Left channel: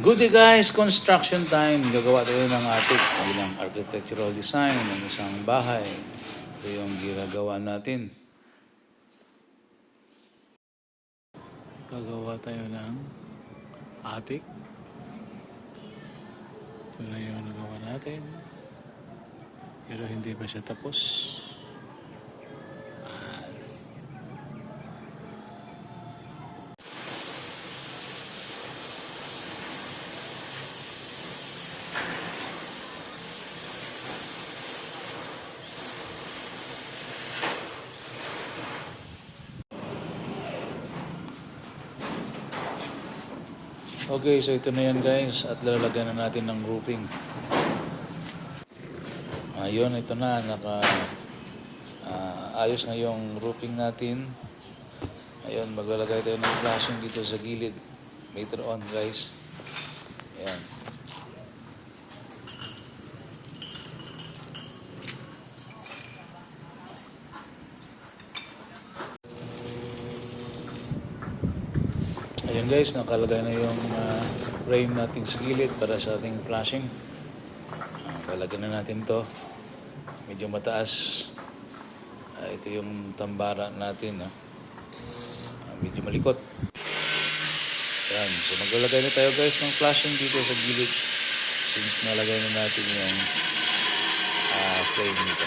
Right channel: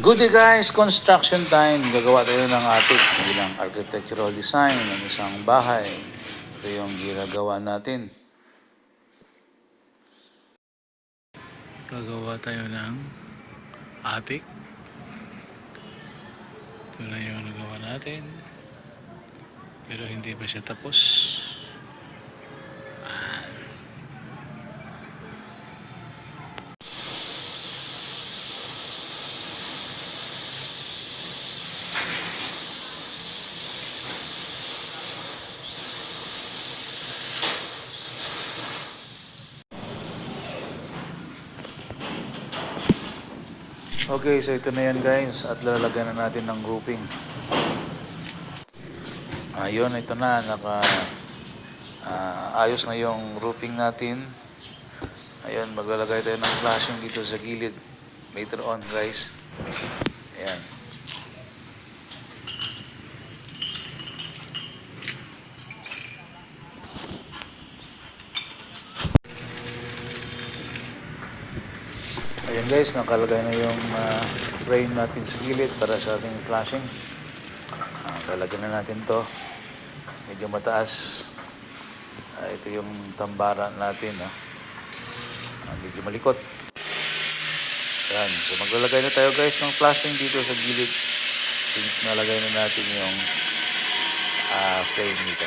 Good day guys, construction time. Gagawa tayo ng ating bilang architectural design ng isang bahay. Ito yung ginagawa natin. Gagawa tayo ng attic. Ito na yung nagawa natin. Pero hindi pa siya tapos. Okay, so ito na yan guys at lalagyan na natin ng roofing. Ayun, ito na ayos na yung roofing natin. Ayun, maglalagay tayo ng flashing dito sa gilid later on guys. Ayan. Ayan guys, nakalagay na yung frame natin sa gilid para sa ating flashing. Lalagyan na natin to. Medyo mataas. Ito yung tambara natin. Medyo malikot. Ayan. So maglalagay na tayo guys ng flashing dito sa gilid. Since nalagay na natin yung frame nito.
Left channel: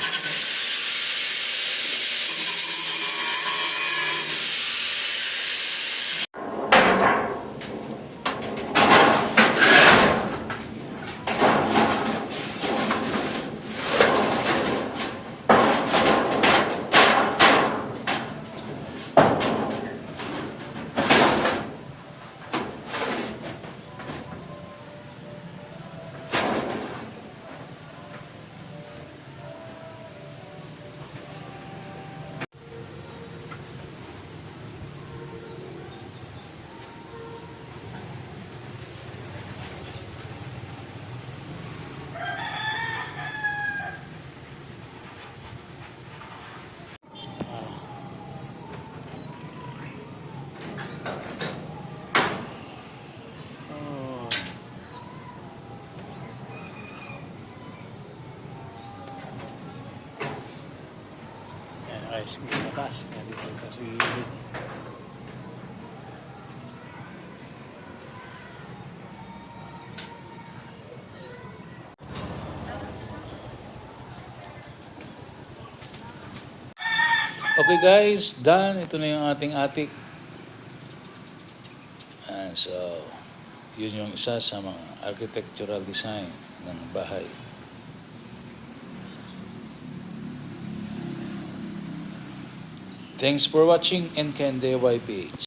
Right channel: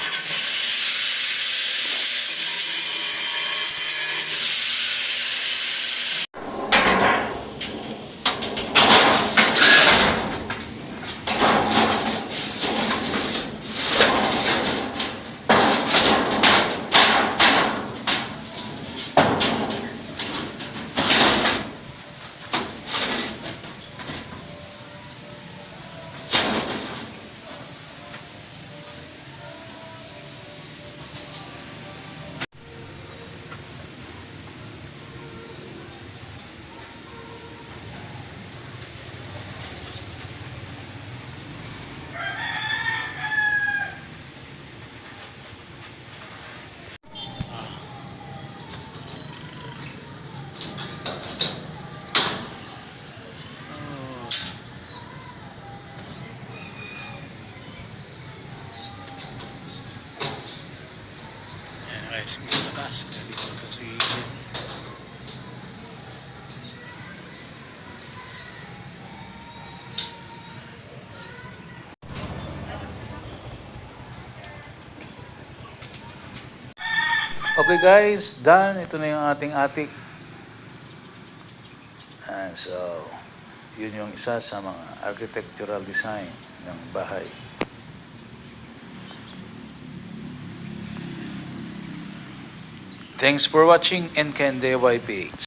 Guys, may lakas dito sa gilid. Okay guys, done. Ito na yung ating attic. And so, yun yung isa sa mga architectural design ng bahay. Thanks for watching NKNDYPH.